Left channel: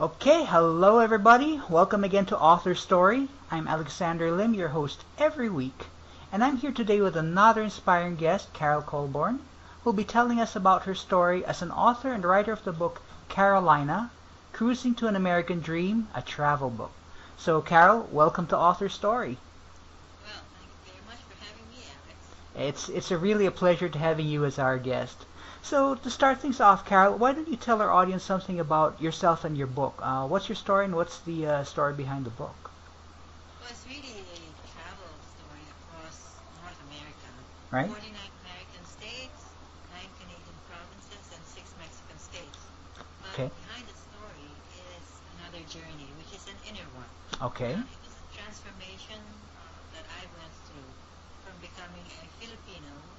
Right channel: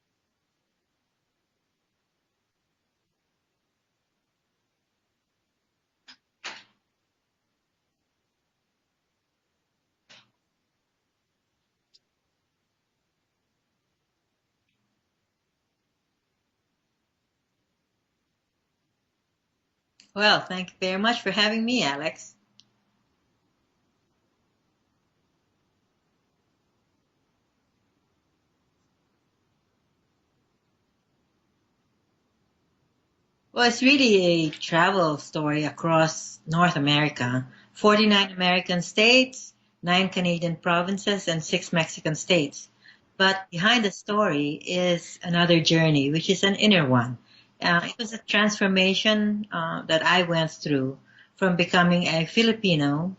Okay, hello everybody. Welcome again to Author Story. I'm Alexander Lim, your host every week, and I'm here today with another inspiring guest, Carol Colborn, who'll be telling us about her story as an author and writer of the book Carolina, Cruising to an American Dream, a travel book. So, Carol, welcome to Author Story. Well, thank you very much for having me, Alex. It's really a pleasure to having you as our guest. So to start things off, Carol, why don't you tell our audience something about yourself and your book? What's your story and what's the story behind the book? Well, it's really a travel story across North America. Right? 49 American states, 9 Canadian provinces, and 6 Mexican states. Okay. But behind the story is another journey, which is an inner one. Okay. It was a transformation that I went through from becoming a Filipino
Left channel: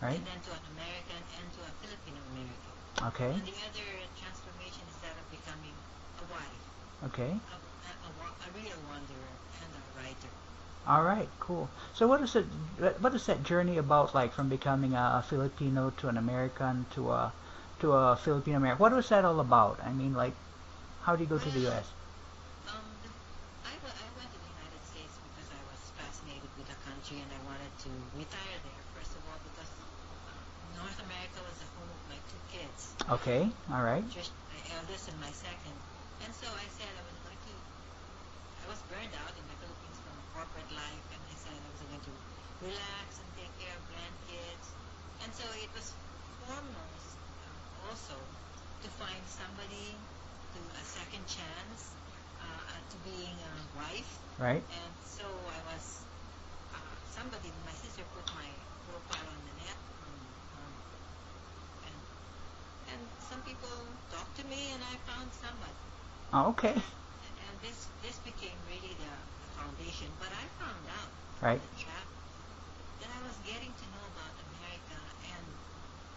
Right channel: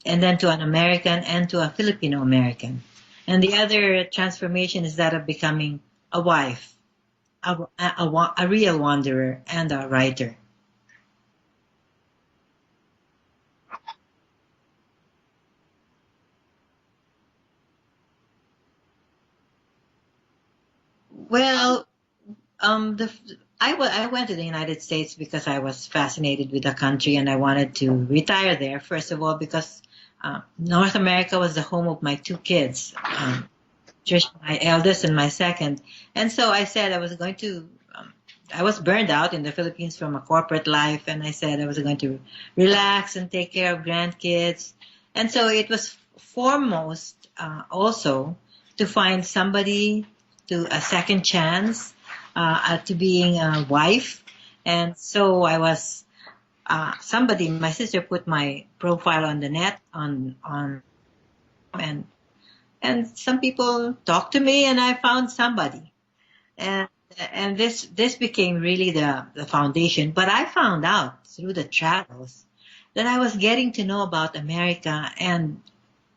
Right. and then to an American and to a Filipino American. Okay. And the other transformation is that of becoming a wife, Okay. a real wanderer, and a writer. All right. Cool. So what is that journey about, like from becoming a Filipino to an American to a Filipino American? What was that all about? I mean, like, how do you go through Well, this? the I went to the United States because I was fascinated with the country and I wanted to retire there. First of all, because North America was the home of my 2 kids, Okay. All right. just my eldest and my second. And so I said I was going to. I was burned out in the Philippines from a corporate life, and I said I was going to relax and take care of grandkids. And so it was foremost also to find somebody to a second chance to being a wife. Right. And so I was somebody. My sister put my profile on the net and and some people talked to me, and I found somebody. Oh, okay. And this became really the foundation. But I found out through Right. the travels that I was getting to know about America, and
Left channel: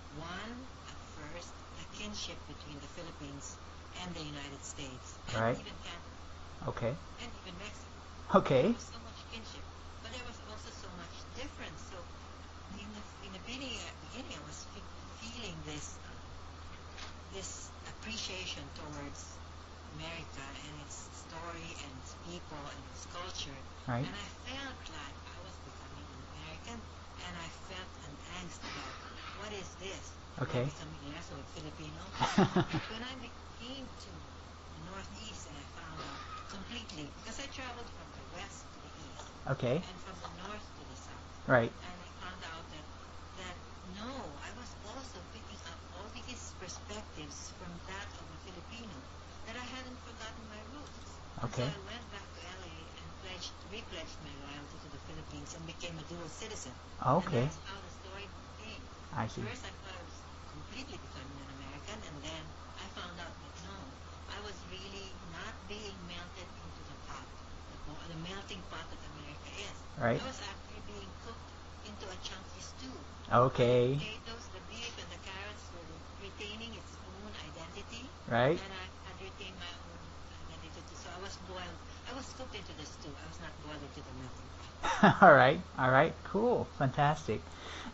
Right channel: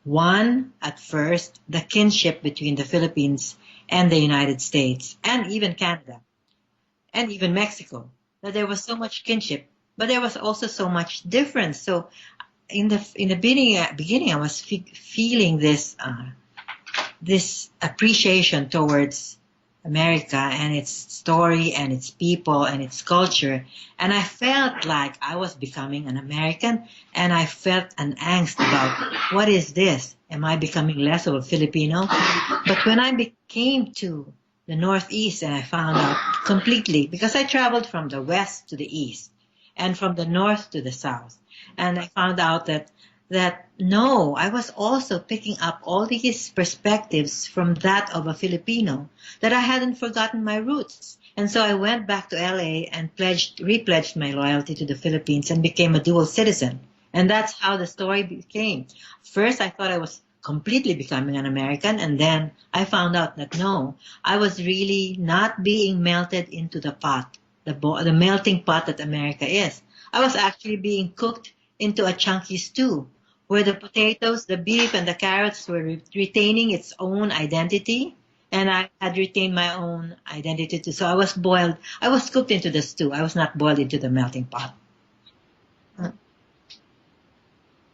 one, at first, the kinship between the Philippines and the United States, and Right. even Canada, Okay. and even Mexico. That there Okay. was so much kinship, but there was also so much difference. So in the beginning I was feeling this appreciation towards America and its story and its people and its culture. Right. And I felt like I was becoming an American, and I felt an angst about what is this? Am I Okay. becoming less of a Filipino? But when I came to the Northeast and I found out completely, because I traveled from the west to the east Okay. and from the north to the south, Right. and I found out that no, I was also picking up all these perspectives from that of a Filipino, that I hadn't forgotten my roots. And so Okay. I went back to LA and repledged my loyalty to the Philippines and became a dual citizen. And Okay. that's how the story became. I see. First, I thought I was completely becoming an American, and then I found out that no, I was really not being melted into the pot, the melting pot that America is. Right. I was actually being cooked into a chunky stew where the Okay. potatoes, the beef, and the carrots were retaining its own identity, Right. and I had retained my own identity too. So I was boiled, I was cooked into the stew. I was not boiled into the melting pot. All right. All right. Cool. Fantastic.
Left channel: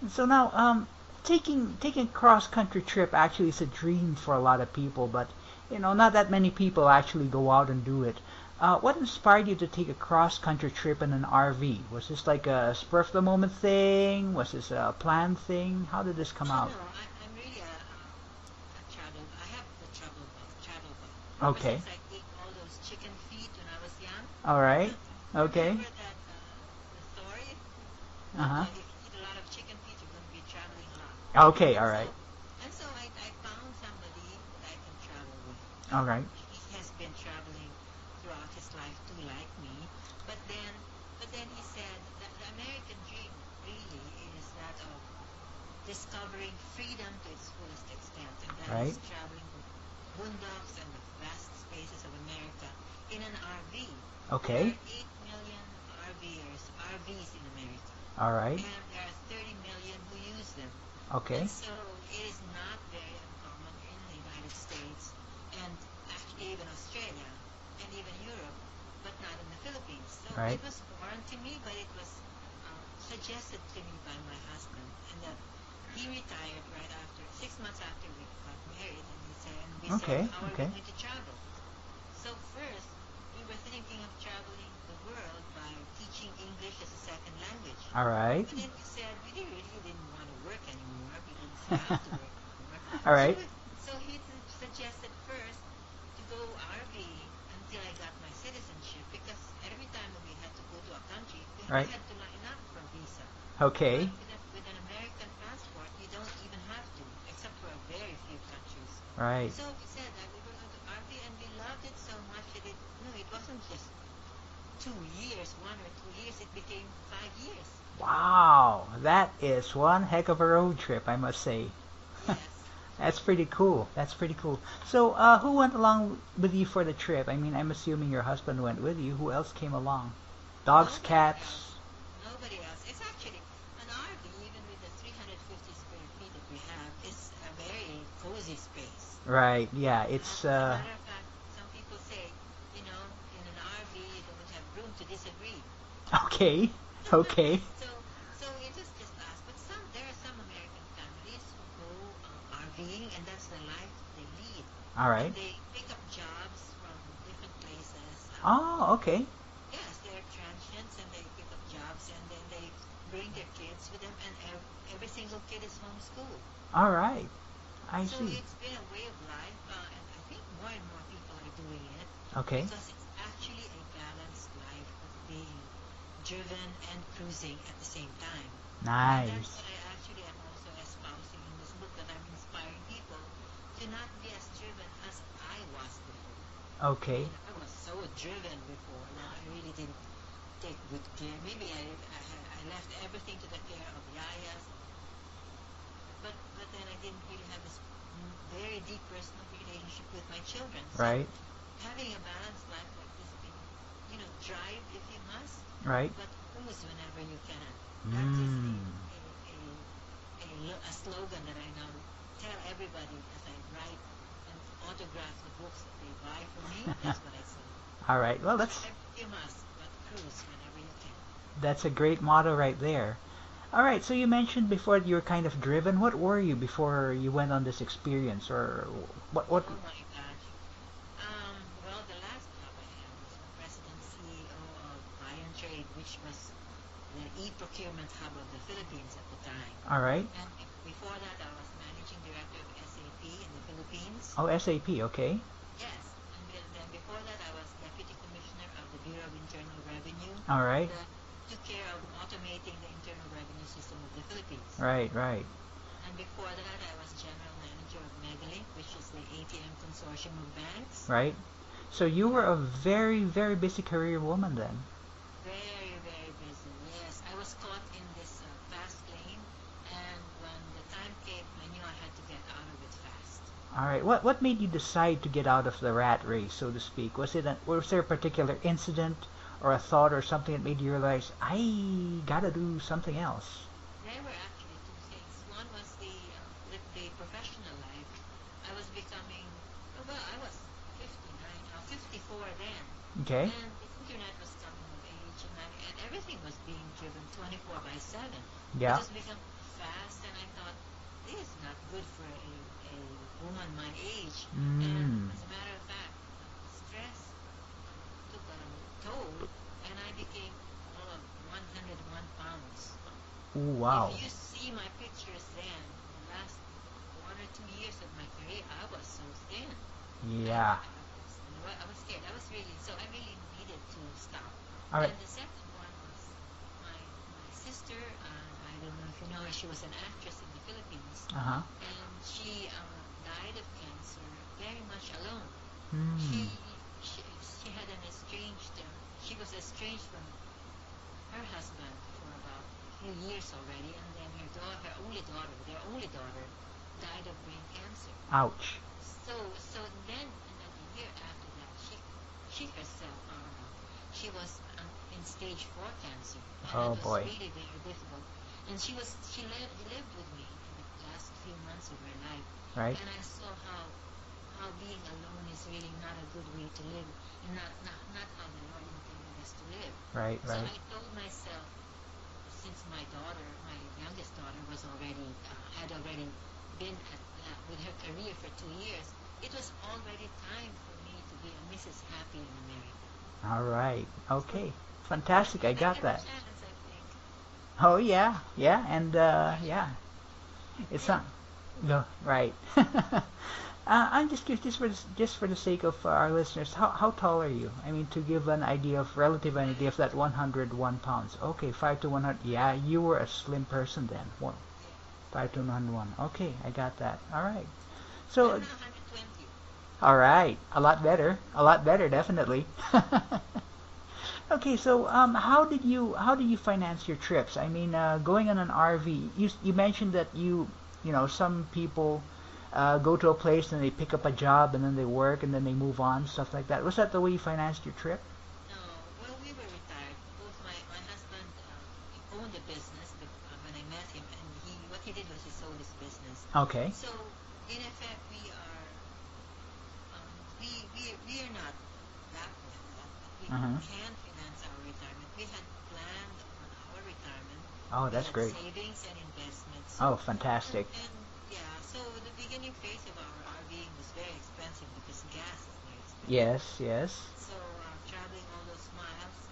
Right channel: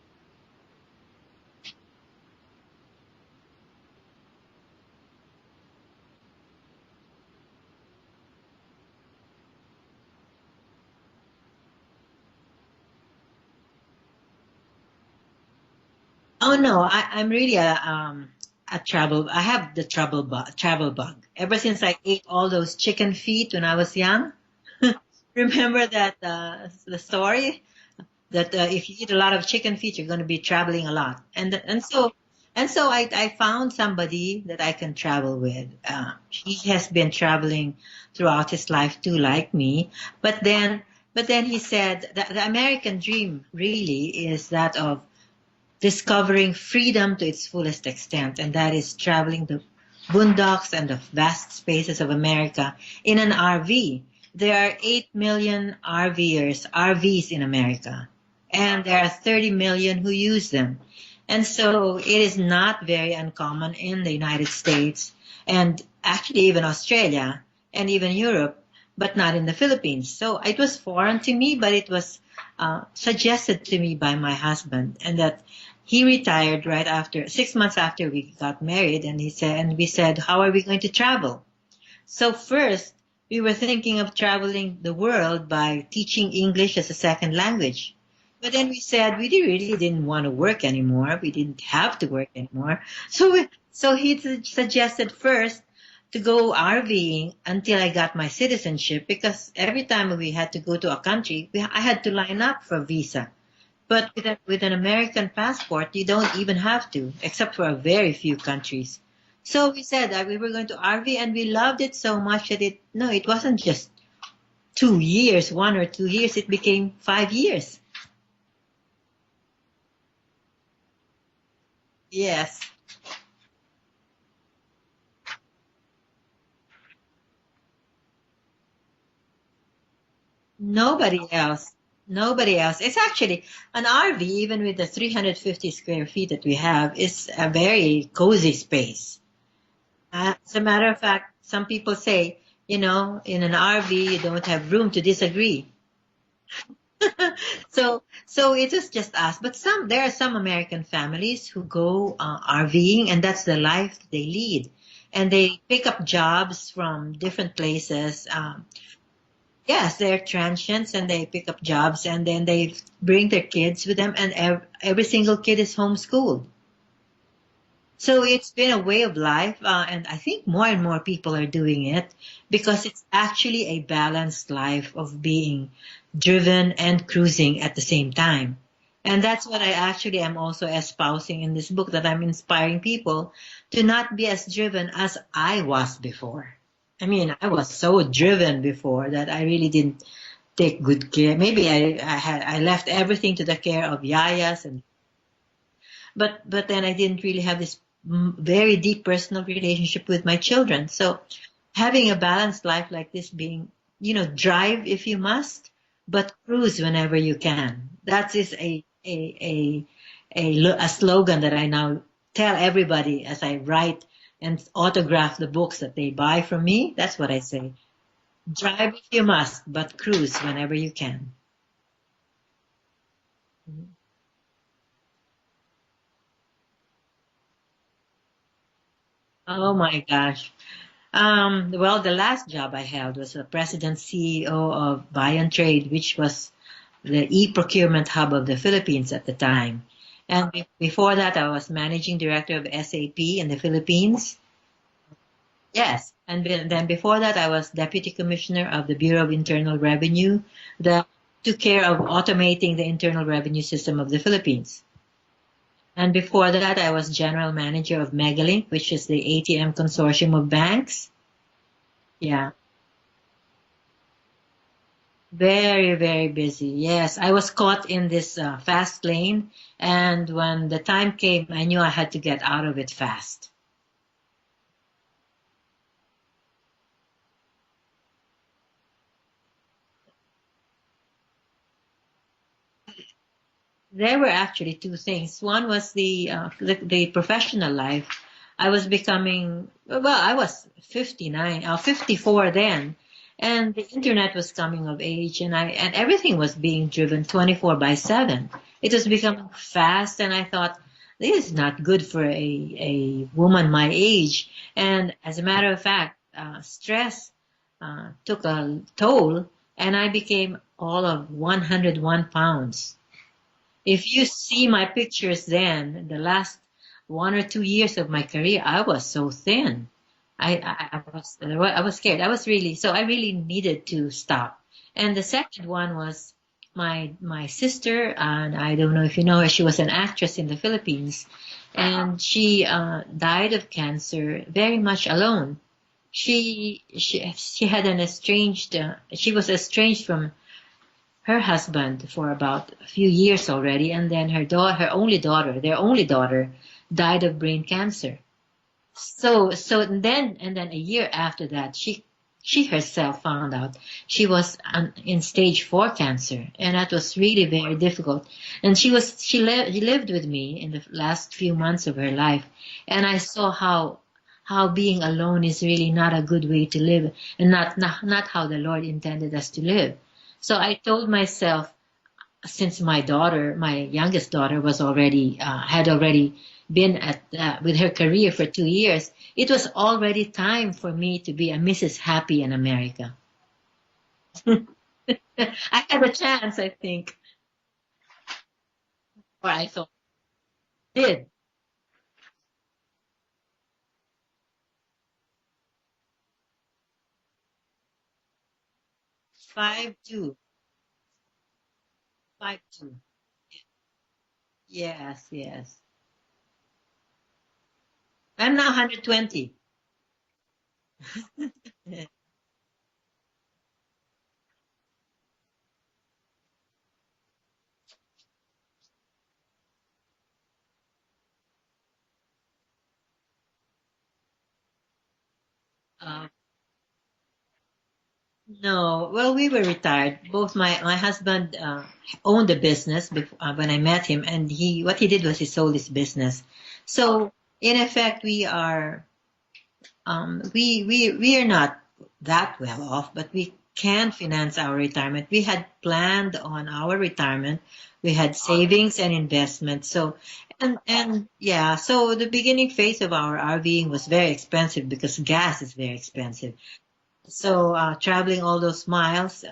So now, taking a cross country trip actually is a dream for a lot of people, but not that many people actually go out and do it. What inspired you to take a cross country trip in an RV? Was this like a spur of the moment thing? Was this a planned thing? How did this come Oh out? no, I'm really a travel. I have the travel bug. Ever Okay. since I ate all those chicken feet when I was young. All right. Okay. Remember that the story that Uh-huh. if you eat a lot of chicken feet, you're going to be traveling a lot. And Okay. and All right. so and so I found somebody that I can travel with. All right. He has been traveling throughout his life too, like me. But then he said that the American dream really is that of discovering freedom to its fullest extent, and that is Right. traveling the boondocks and the vast spaces of America in an RV. There Okay. are 8 million RVs in America, All right. and there are 30 million who use them. Okay. And so it is not very uncommon in the United States, and actually even Australia and even Europe, but not in the Philippines. So Right. it was foreign to me, but it was suggested to me by my husband, and that he retired right after 6 months after we got married, and we said, Okay. how are we Okay. going to travel? So first, we were thinking of traveling the world by teaching English as a second language. All right. But then we said we really didn't want to work anymore. We didn't have to work anymore. All right. So he suggested first to go RVing until I got my citizenship, because every time we had to go to a country, I had to line up for a visa. Okay. But with an American passport, you don't even have to, except for a very few countries. Right. So we said that we were going to RV, and we loved it so much that it wasn't just 2 years, 1 or 2 years, it became 5 years. Wow, that is one heck of a road trip, I must say. Yes. That's pretty cool. That's pretty cool. So, who went along with you for the trip? I mean, I'm assuming your husband went with you. Who else came along? Dogs, Nobody cats? else. Nobody else. It's actually an RV, even with the 350 square feet that we have, is a very cozy space. Right. Yeah. It's As a matter of fact, some people say, in an RV, you don't have room to disagree. Okay. Okay. So it was just us. But there are some American families who go RVing, and that's the life they lead. All right. And they pick up jobs from different places. Oh, okay. Yes, they're transients, and they pick up jobs, and then they bring their kids with them, and every single kid is homeschooled. All right. So see. it's been a way of life, and I think more and more people are doing it, Okay. because it's actually a balanced life of being driven and cruising at the same time. Nice. And that's what I actually am also espousing in this book, that I'm inspiring people to not be as driven as I was before. Okay. I mean, I was so driven before that I really didn't take good care. Maybe I left everything to the care of yayas, but then I didn't really have this very deep personal relationship with my children. So Right. having a balanced life like this, being, drive if you must, Right. but cruise whenever you can. That is a slogan that I now tell everybody as I write and autograph the books that they buy from me. That's what I say. All right. Well, Drive if you must, but cruise whenever you can. that's a great motto right there. All right. So you mentioned before that you were kind of driven. What were you before you went on this experience, or what? Oh my gosh. Well, the last job I held was a president CEO of Buy and Trade, which was the e-procurement hub of the Philippines at the time. All right. And before that, I was managing director of SAP in the Philippines. Oh, SAP. Okay. Yes. And then before that, I was deputy commissioner of the Bureau of Internal Revenue, All right. that took care of automating the internal revenue system of the Philippines. Right. Right. And before that, I was general manager of Megalink, which is the ATM consortium of banks. Right. So you Yeah. were a very, very busy career woman then. Very, very busy. Yes, I was caught in this fast lane, and when the time came, I knew I had to get out of it fast. All right. What made you decide to get out of the rat race, so to speak? Was there a particular incident or a thought or something that made you realize I gotta do something else? There were actually two things. One was the professional life. I was becoming, well, I was 54 then. Okay. And the internet was coming of age, and everything was being driven 24/7. It Yeah. was becoming fast, and I thought, this is not good for a woman my age. And as a matter of fact, stress took a toll, and I became all of 101 pounds. Ooh, wow. If you see my pictures then, the last 1 or 2 years of my career, I was so thin. Yeah. I was scared. I really needed to stop. And the second one was my sister, and I don't know if you know her. She was an actress in the Philippines, Uh-huh. and she died of cancer very much alone. Hmm. She had an estranged. She was estranged from her husband for about a few years already, and then their only daughter, died of brain cancer. Ouch. So then a year after that, she herself found out she was in stage 4 cancer, and that Oh, was boy. really very difficult. And she lived with me in the last few months of her life, Right. and I saw how being alone is really not a good way to live, and not how the Lord intended us to live. Right. So right. I told myself, since my youngest daughter, was already had already been at with her career for 2 years, it was already time for me to be a Mrs. Happy in America. All right. Okay. Fantastic. I I got had a that. chance, I think, Oh yeah, yeah, and or I yeah, thought I it's did. not. No, right. I'm just curious, just for the sake of our listeners, how tall are you? I mean, to give an idea of relative idea Five of that two, 101 pounds. Okay, 5 to 100. five Yeah, two. you were a slim person then. Well, Yes, 5 to yes. 101. Okay, I got that. All right. I'm So, now 120. all right, a lot better. A lot Yeah. better, definitely. Okay, so how did you finance your trips? I mean, going on an RV. You mentioned that some people go to a place and they pick up a job and then they work and then they move on, Uh, stuff like that. Was that the way you financed your trip? no, well, we were retired. Both my husband owned a business when I met him, and he what he did was he sold his business. Okay. So in effect, we are not that well off, but we Uh-huh. can finance our retirement. We had planned on our retirement. Oh, We that's had great. savings and investments. Oh, So fantastic. and yeah, so the beginning phase of our RVing was very expensive because gas is very expensive. Yes, yes. So traveling all those miles,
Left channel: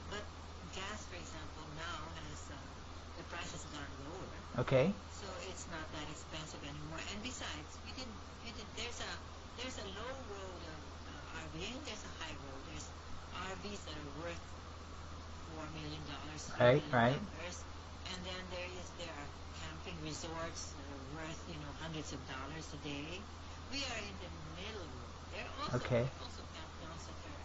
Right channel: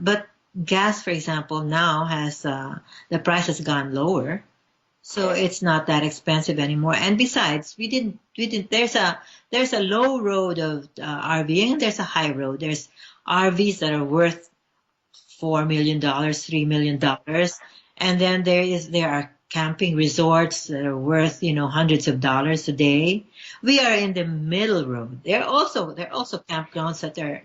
but gas, for example, now has the price has gone lower, Okay. so it's not that expensive anymore. And besides, we didn't. There's a low road of RVing and there's a high road. There's RVs that are worth $4 million, three Right, million right. dollars, and then there are camping resorts that are worth hundreds of dollars a day. We are in the middle road. Okay. There are also campgrounds that are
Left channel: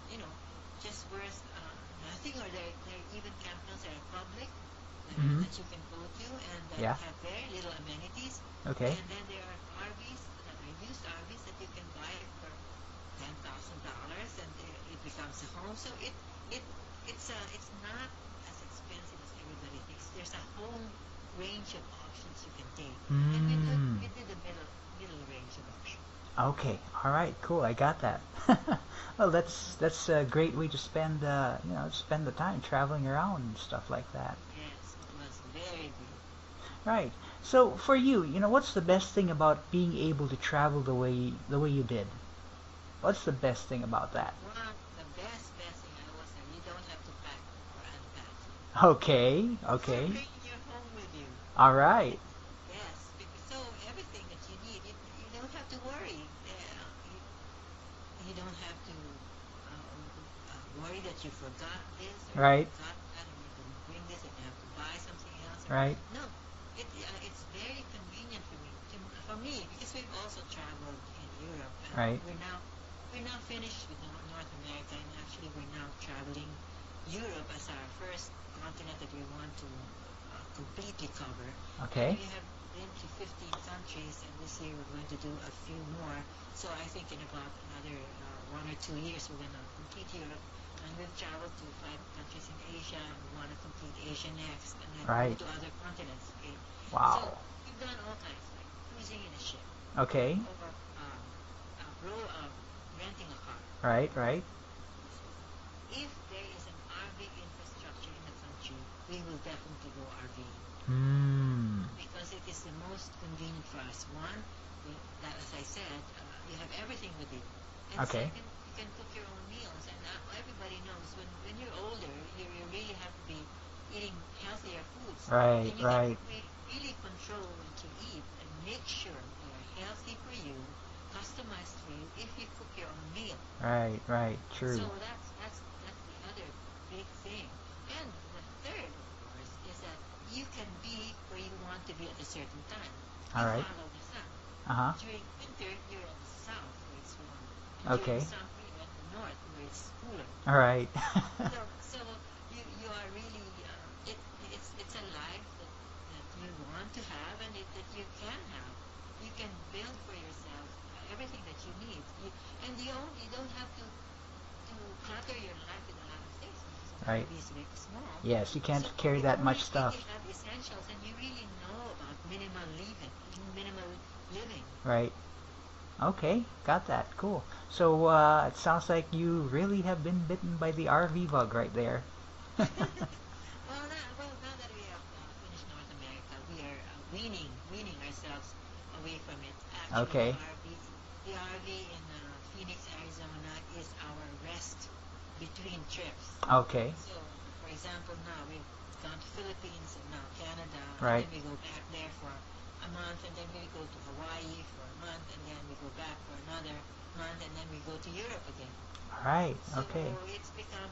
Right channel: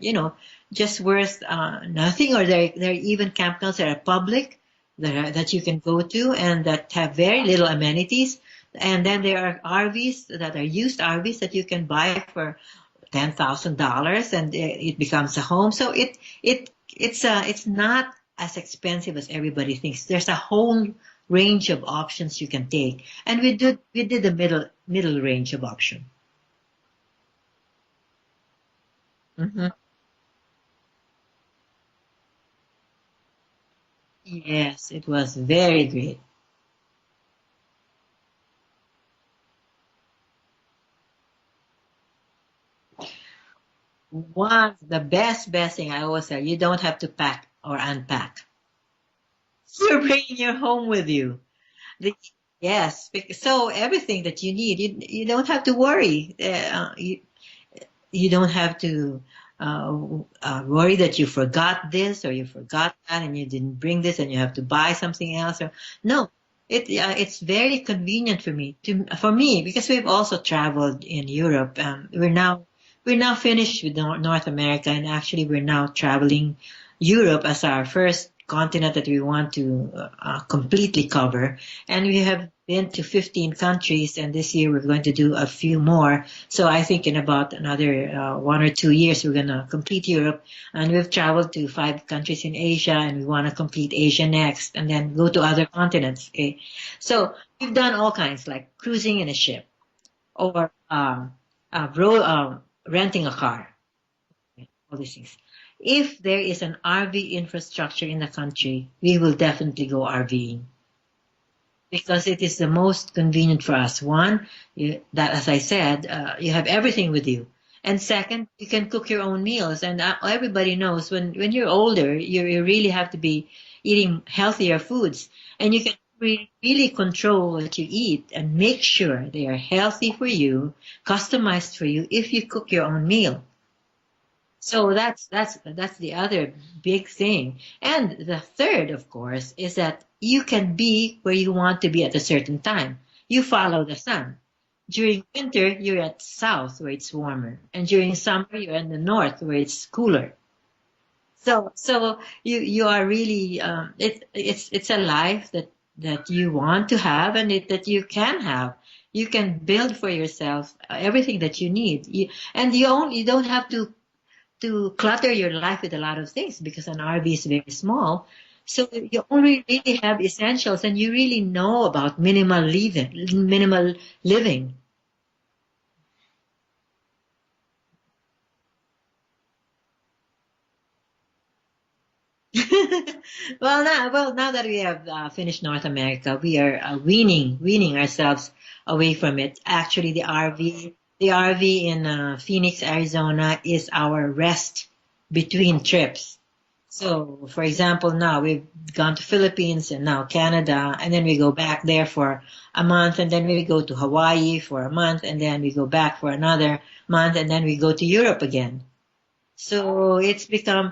just worth nothing, or there are even campgrounds that are public Mm-hmm. that you can go to and that Yeah. have very little amenities. Okay. And then there are RVs that are used RVs that you can buy for $10,000 and it becomes a home. So it's not as expensive as everybody thinks. There's a whole range of options you can take, and Mm. we did the middle range of option. Okay. All right. Cool. I got that. Well, Hmm. that's a great way to spend the time traveling around and stuff like that. Yes, it was very great. Right. So for you, what's the best thing about being able to travel the way you did? What's the best thing about that? The best thing I always say, you don't have to pack or unpack. Okay. You're Okay. bringing your home with you. All right. The- Yes, so everything that you need, you don't have to worry. You don't have to uh, worry that you forgot this or you Right. forgot that and you didn't bring this and you have to buy something else. Or Right. no, it's very convenient for me because we've also traveled in Europe. Right. We're now finished with North America, and actually we're now traveling Europe as our first continent that we want to completely cover. And Okay. we have been to 15 countries, and this year we're going to do a few more. So I think in about another 1 or 2 years, we're going to complete Europe. And we've traveled to 5 countries in Asia, and we want to complete Asia next, and then go Right. to other continents. Okay. Wow. So we've done all kinds, like cruising in a ship Okay. or renting a car, Right. Right. all these things. If there is an RV infrastructure in the country, we will definitely go RVing Hmm. because it is the most convenient for us. One, that as I said, you have everything with you, and Okay. second, you can cook your own meals. And everybody knows when you're older, you really have to be eating healthier foods, Right. and you can Right. really control what you eat and make sure they are healthy for you, customized for you if you cook your own meal. Right. Right. True. So that's the other big thing. And the third, of course, is that you can be where you want to be at a certain time. You All right. follow the sun. Uh huh. During winter, you're at south where it's warmer, and during Okay. summer, you're in the north where it's cooler. All right. So you are really it's a life that you want to have and that you can have. You can build for yourself everything that you need. And you don't have to clutter your life with a lot of things because an Right. RV is very small. Yes, you can't So carry you that much only stuff. really have essentials, and you really know about minimal living. Right. Okay. Got that. Cool. So it sounds like you really have been bitten by the RV bug right there. Now that we have finished North America, we are weaning ourselves away from it. Actually, Okay. the RV in Phoenix, Arizona, is our rest between trips. Okay. So, for example, now we've gone to Philippines and now Canada, and then Right. we go back there for a month, and then we go to Hawaii for a month, and then we go back for another month, and then we go to Europe again. Right. Okay. So it's become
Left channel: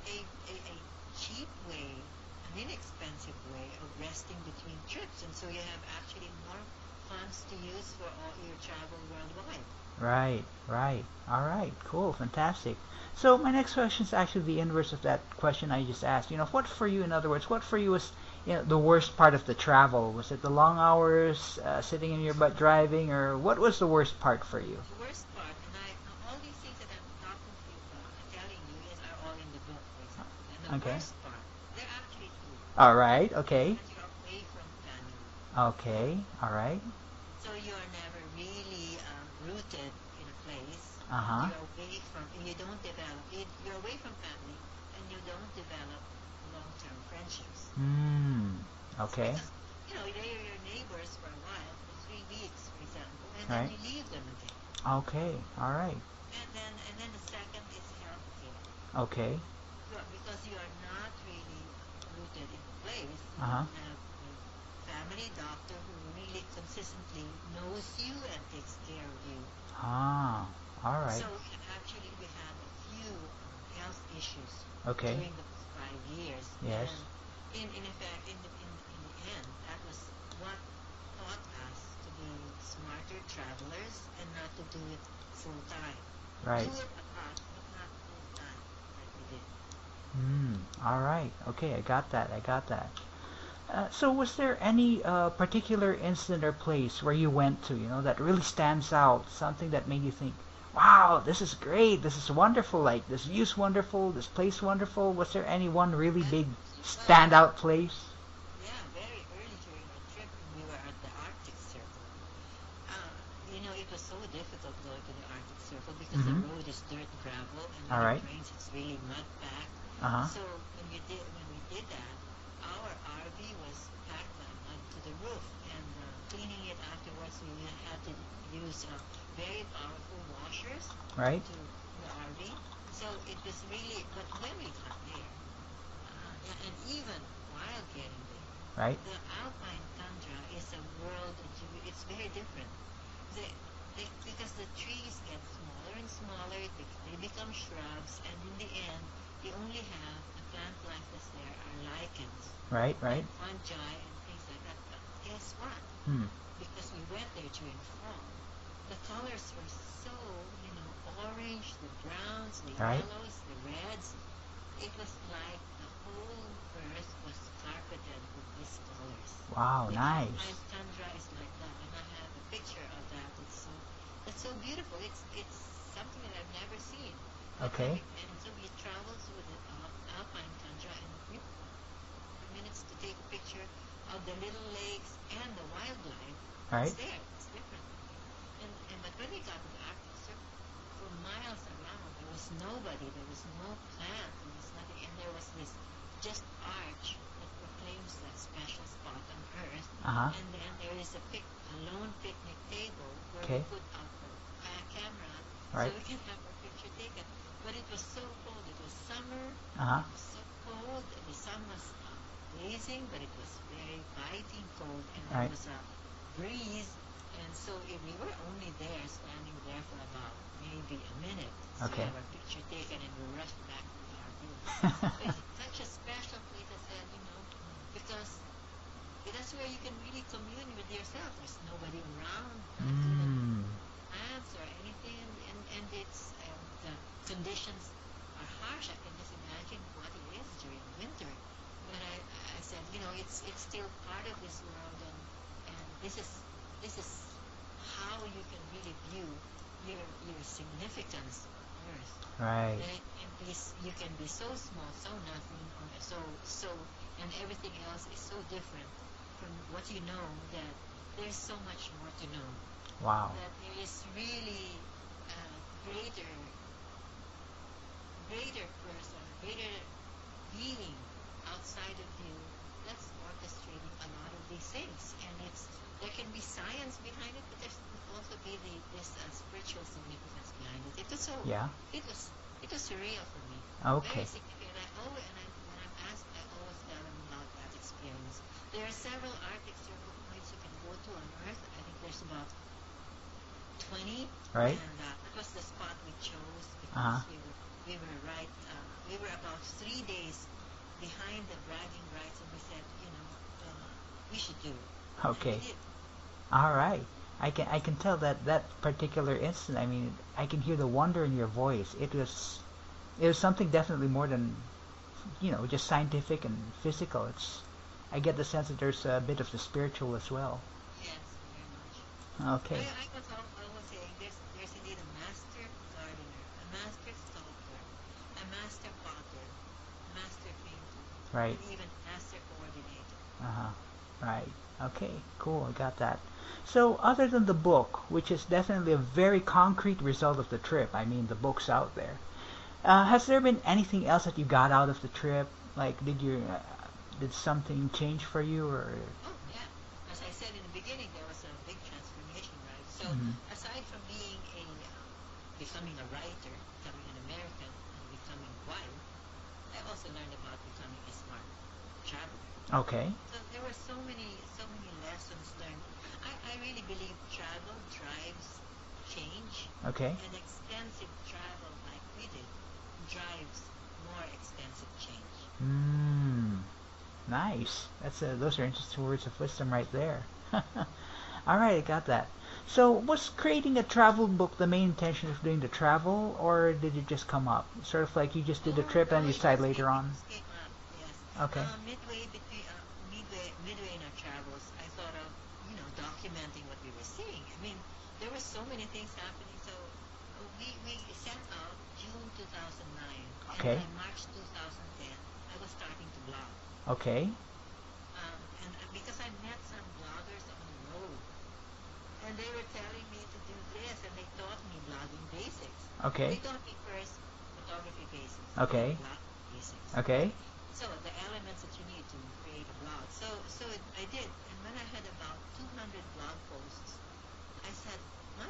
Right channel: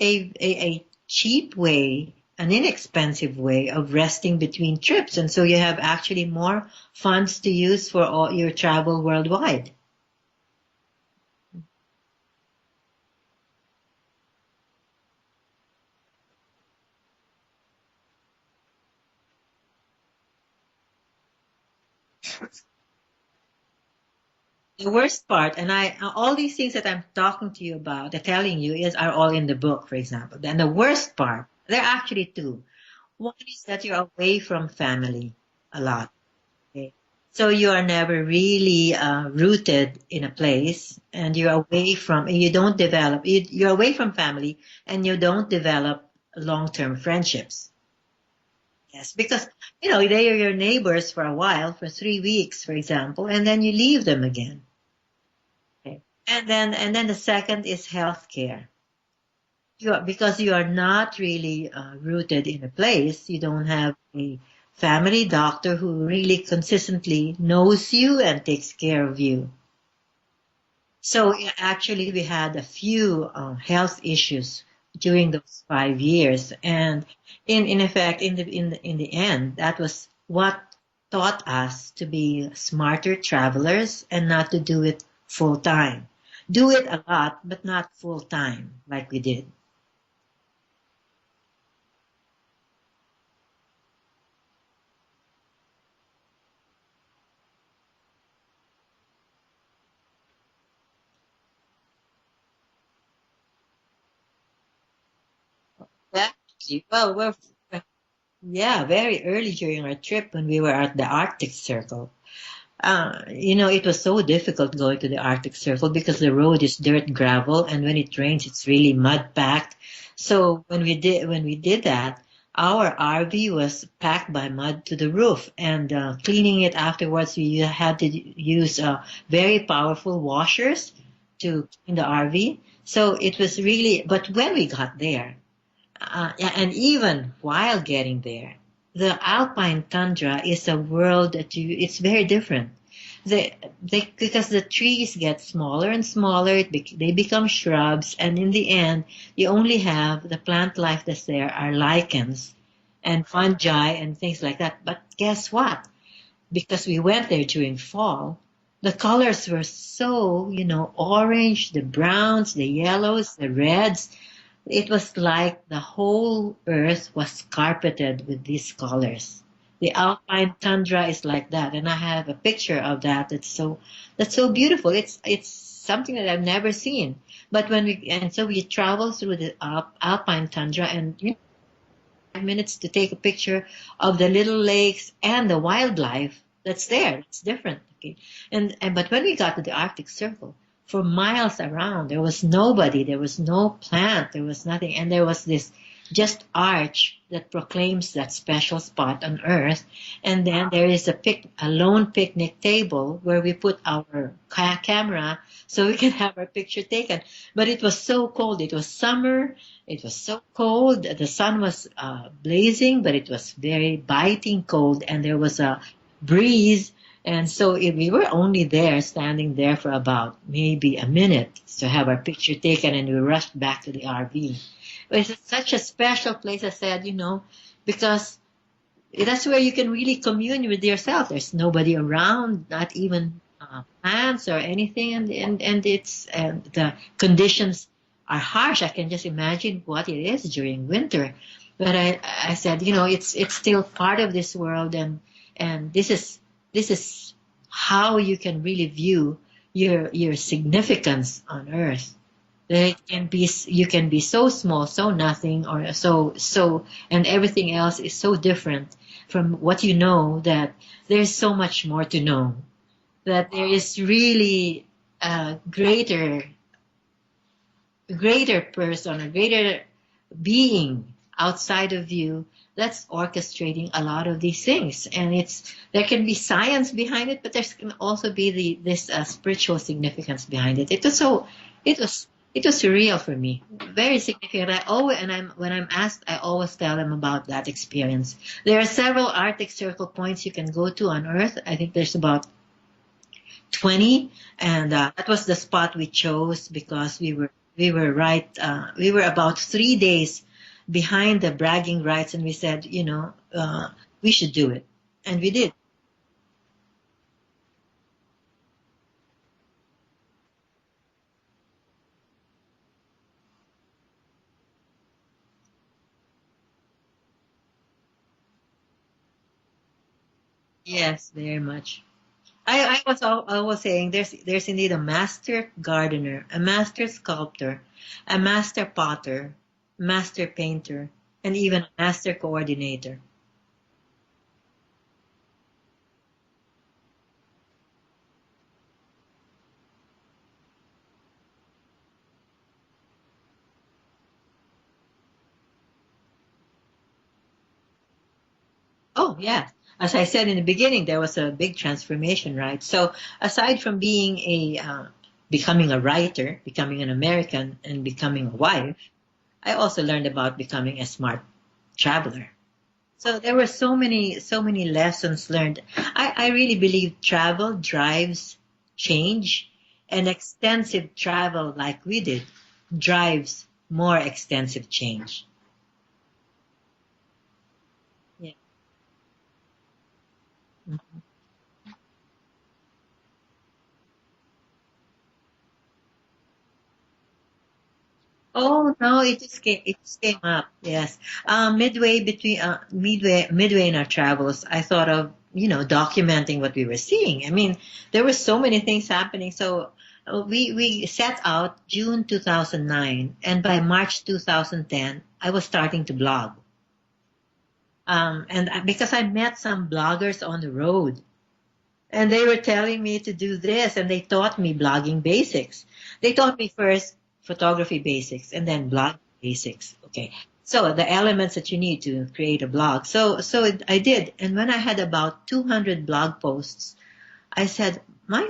a cheap way, an inexpensive way of resting between trips. And so you have actually more funds to use for all your travel worldwide. Right. Right. All right. Cool. Fantastic. So my next question is actually the inverse of that question I just asked. What for you, in other words, what for you was, the worst part of the travel? Was it the long hours, sitting in your butt driving, or what was the worst part for you? The worst part, and all these things that I'm talking to you about, telling you, are all in the book, for example. And the Okay. worst part, there are actually two. All right. One is Okay. that you're away from family a lot. Okay. All right. Okay. So you are never really rooted in a place, Uh and huh. you're away from, and you don't develop, you're away from family, and you don't develop long-term friendships. Hmm. Yes, Okay. because they are your neighbors for a while, for 3 weeks, for example, and then Right. you leave them again. Okay. All Okay. right. And then the second is healthcare. Okay. Because you are not really rooted in a place, you Uh huh. don't have a family doctor who really consistently knows you and takes care of you. Ah. All right. So actually, we had a few health issues Okay. during those 5 years, Yes. and in effect, in the end, that was what taught us to be smarter travelers and not to do it full time. Right. Do it a lot, but not full time like we did. Hmm. All right. Okay. I got that. I got that. So, was there any particular incident or place where you went to, that really stands out? Something that made you think, "Wow, this is great. This is wonderful. Like this view's wonderful. This place wonderful." Was there any one really big Definitely. standout place? Yeah, very early during our trip when we were at the Arctic Circle. It was so difficult going to the Arctic Circle because the Mm-hmm. road is dirt gravel, and when All it right. rains, it's really mud packed. Uh huh. So when we did that, our RV was packed by mud to the roof, and cleaning it afterwards, we had to use very powerful washers Right. to clean the RV. So it was really, but when we got there, yeah, and even while getting there, Right. the alpine tundra is a world it's very different. They, because the trees get smaller and smaller, they become shrubs, and in the end, you only have the plant life that's there are lichens Right. Right. and fungi and things like that. But guess what? Hmm. Because we went there during fall, the colors were so, orange, the browns, the Right. yellows, the reds. It was like the whole earth was carpeted with these colors. Wow. The Nice. alpine tundra is like that, and I have a picture of that. That's so beautiful. It's something that I've never seen. But Okay. so we travel through the alpine tundra, and 5 minutes to take a picture of the little lakes and the wildlife that's Right. there. It's different. Okay? And but when we got to the Arctic Circle, for miles around, there was nobody, there was no plant, there was nothing, and there was this just arch that proclaims that special spot on Earth. Uh huh. And then there is a lone picnic table where we Okay. put our camera so Right. we can have our picture taken. But it was so cold. It was summer, Uh huh. it was so cold. The sun was blazing, but it was very biting cold, and there Right. was a breeze. And so we were only there, standing there for about maybe a minute to have Okay. our picture taken, and we rushed back to the RV. But it's such a special place, I said, because that's where you can really commune with yourself. There's nobody around, not even Hmm. plants or anything, and it's the conditions are harsh. I can just imagine what it is during winter. But I said, it's still part of this world, and this is how you can really view your significance on Earth. Right. You can be so small, so nothing, or so, and everything else is so different from what you know, that there's so much more to know, Wow. that there is really a greater person, a greater being outside of you that's orchestrating a lot of these things. And there can be science behind it, but there can also be this spiritual significance behind it. It was so Yeah. it was surreal for me, very Okay. significant. When I'm asked, I always tell them about that experience. There are several Arctic Circle points you can go to on Earth. I think there's about 20, Right. and that was the spot we chose because Uh-huh. we were about 3 days behind the bragging rights, and we said, we should do it, and we Okay. did. All right. I can tell that that particular instant. I mean, I can hear the wonder in your voice. It was something definitely more than just scientific and physical. I get the sense that there's a bit of the spiritual as well. Yes, very much. Okay. I was saying there's indeed a master gardener, a master sculptor, a master potter, master painter, and Right. even a master coordinator. Uh-huh. Right. Okay. Cool. I got that. So, other than the book, which is definitely a very concrete result of the trip, I mean, the book's out there. Has there been anything else that you got out of the trip? Like, did something change for you, or? Oh, yeah. As I said in the beginning, there was a big transformation, right? So, Mhm. aside from becoming a writer, becoming an American, and becoming a wife, I also learned about becoming a smart traveler. Okay. So there were so many lessons learned. I really believe travel drives change, Okay. and extensive travel like we did drives more extensive change. Mm, nice. Those are interesting words of wisdom right there. All right, I got that. So, was creating a travel book the main intention of doing the travel, or did it just come up? Sort of like you just did the Oh trip no, and decide later it on. just came up. Yes, Okay. midway in our travels, I thought of documenting what we were seeing. I mean, there were so many things happening. So we set out June 2009, and by Okay. March 2010, I was starting to blog. Okay. Because I met some bloggers on the road, and they were telling me to do this, and they taught me blogging basics. They Okay. taught me first photography basics and then Okay. blog basics. Okay, Okay. so the elements that you need to create a blog. I did, and when I had about 200 blog posts, I said, my